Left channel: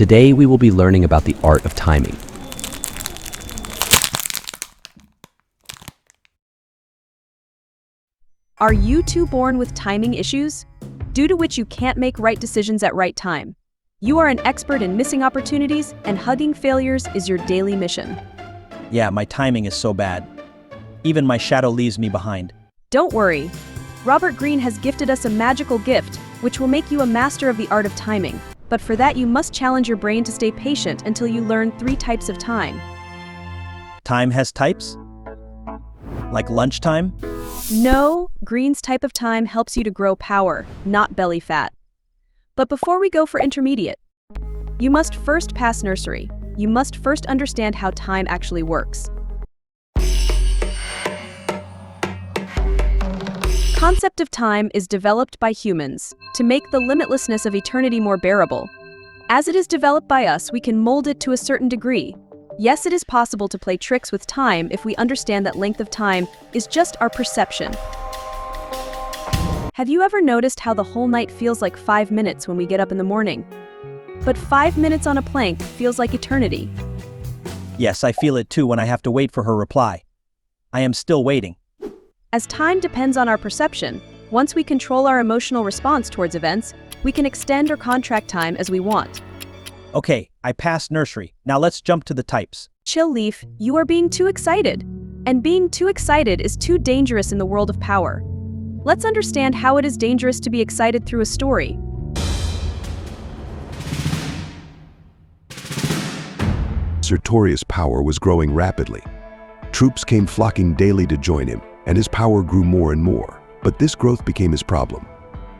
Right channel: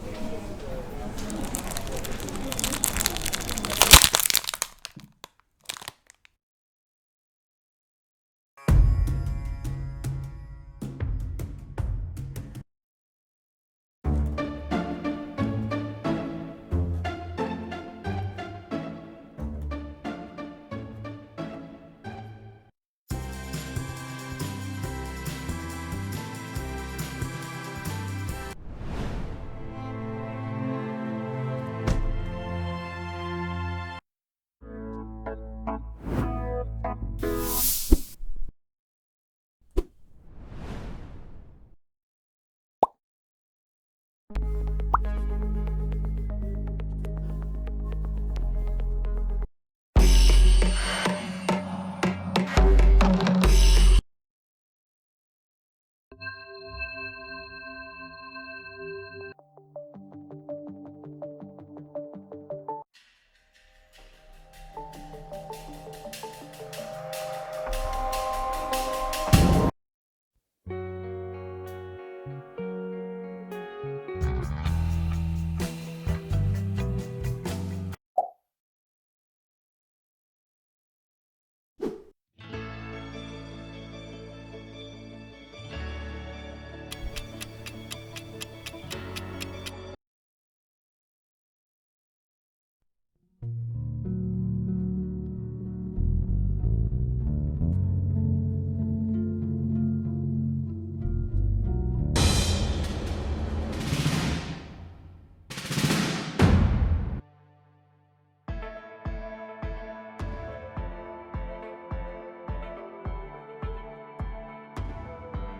Today we will be learning about the art of timing. Are you two born with timing issues, due to which you can't make right decisions at right time? You are an expert in missing opportunities, and hugging failures is your daily mission. Yeah, my timing is so bad. Even my shadow leaves me behind. Don't worry. Robert Greene has gifted us a magical gift, which will make you a master of the art of timing. But for that, you must challenge your brain to stay patient until you learn 3 types of time. Time has types? Like lunchtime? No, Greene's type of time helps you to grow power, not belly fat. But before we go for intermediate, you must first pass nursery. You must first understand how time actually works. Concept of time is developed by humans to make the limitlessness of eternity more bearable. As it is developed by us, we can mold it to a certain degree. Yes, it is possible to play tricks with time if we understand that length of time is just our perception. Have you ever noticed how the whole night feels like 5 minutes when we get up in the morning? But 5 minutes on a plank feels like eternity. Yes, I feel it too when I have to wait for her reply. I am still waiting. As time depends on our perception, once we control our emotional response towards events, we can extend or contract time as we want. Okay, I passed nursery. Now let's jump to the types. Chill, Leaf, you are being too excited. And being too excited is too dangerous in the world of power. Let's understand how it is dangerous to be excited through a story. Sertorius' power was growing rapidly. Troops came flocking daily to join him, and his power grew more and more. But this growth became his problem.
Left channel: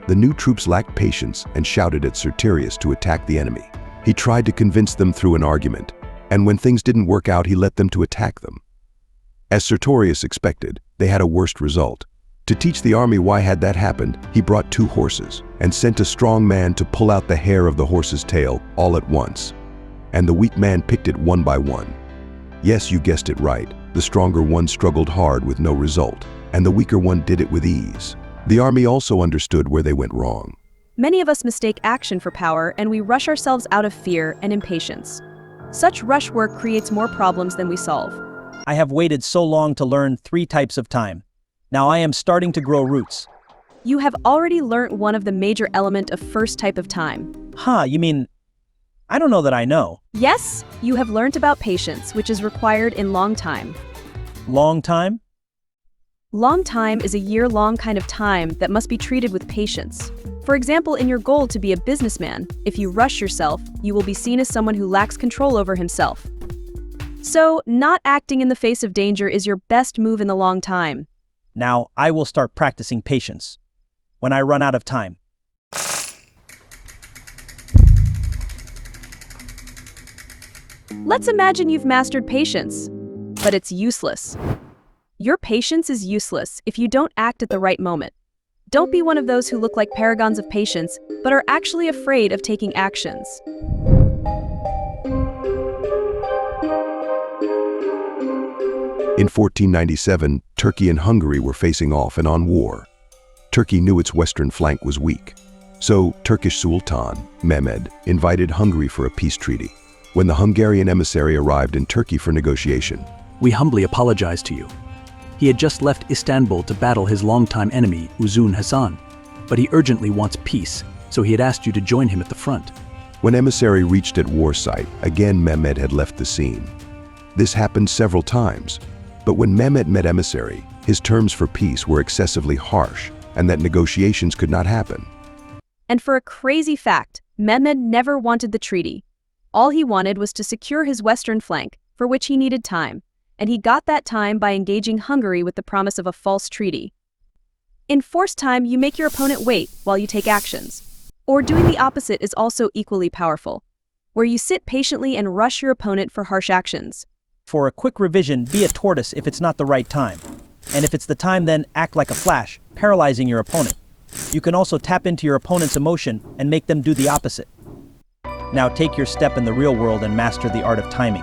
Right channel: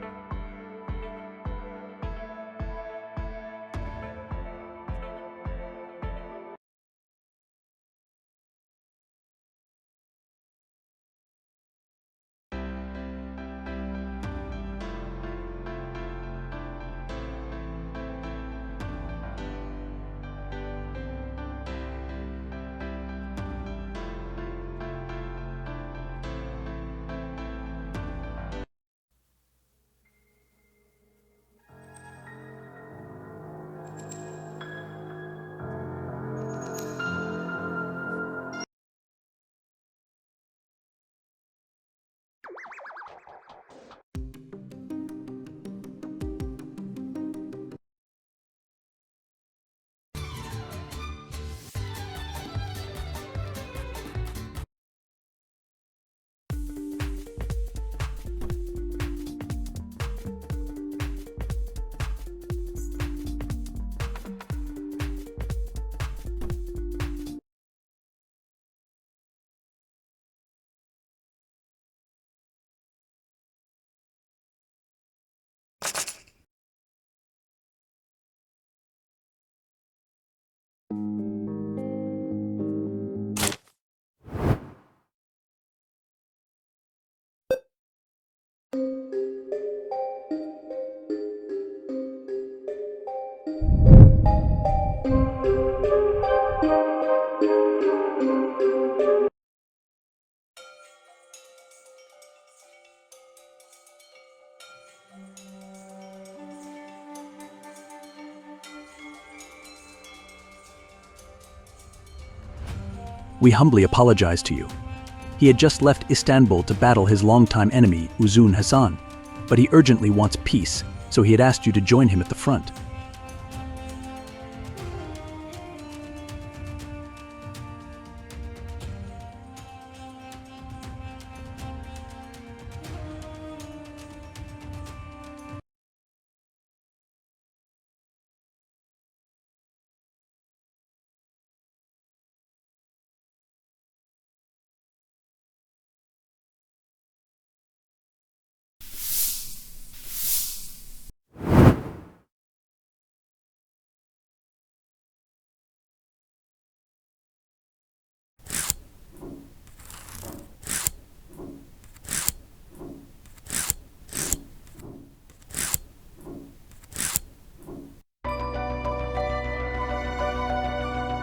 The new troops lacked patience and shouted at Sertorius to attack the enemy. He tried to convince them through an argument, and when things didn't work out, he let them to attack them. As Sertorius expected, they had a worse result. To teach the army why had that happened, he brought 2 horses and sent a strong man to pull out the hair of the horse's tail all at once. And the weak man picked it one by one. Yes, you guessed it right. The stronger one struggled hard with no result, and the weaker one did it with ease. The army also understood where they went wrong. Many of us mistake action for power, and we rush ourselves out of fear and impatience. Such rush work creates more problems than we solve. I have waited so long to learn 3 types of time. Now I am starting to grow roots. You have already learnt one of the major element of first type of time. You mean, I don't know that I know. Yes, you have learnt about patience, which is required in long time. Long time? Long time is a year-long kind of time that must be treated with patience. For example, in your goal to be a businessman, if you rush yourself, you will be seen as someone who lacks control over himself. So, not acting in the face of danger is your best move in the long time. Now I will start practicing patience when I run out of time. Let's imagine you've mastered patience, but it's useless. Your patience is useless if you don't act at the right moment. Don't be one of those who look like paragons of patience, but are actually afraid of taking actions. In 1497, Turkey and Hungary were facing off and on war. Turkey knew its western flank was weak. So Turkish Sultan, Mehmed, invited Hungary for a peace treaty. When the Hungarian emissary arrived in Turkey for negotiation, "We humbly apologize to you." He had just left Istanbul to battle his longtime enemy, Uzun Hasan, but he urgently wants peace, so he had asked you to join him at the front. when emissary reached at war site, again Mehmed had left the scene. This happened several times, but when Mehmed met emissary, his terms for peace were excessively harsh, and that negotiations could not happen. And for a crazy fact, Mehmed never wanted the treaty. All he wanted was to secure his western flank, for which he needed time, and he got that time by engaging Hungary with the promise of a false treaty. In forced time, you make your opponent wait while you take actions. Or doing the opposite is also equally powerful, where you sit patiently and rush your opponent for harsh actions. For a quick revision, be a tortoise if it's not the right time. And if it's the time, then act like a flash, paralyzing your opponent. You can also tap into your opponent's emotion and make them do the opposite. Now take your step in the real world and master the art of timing.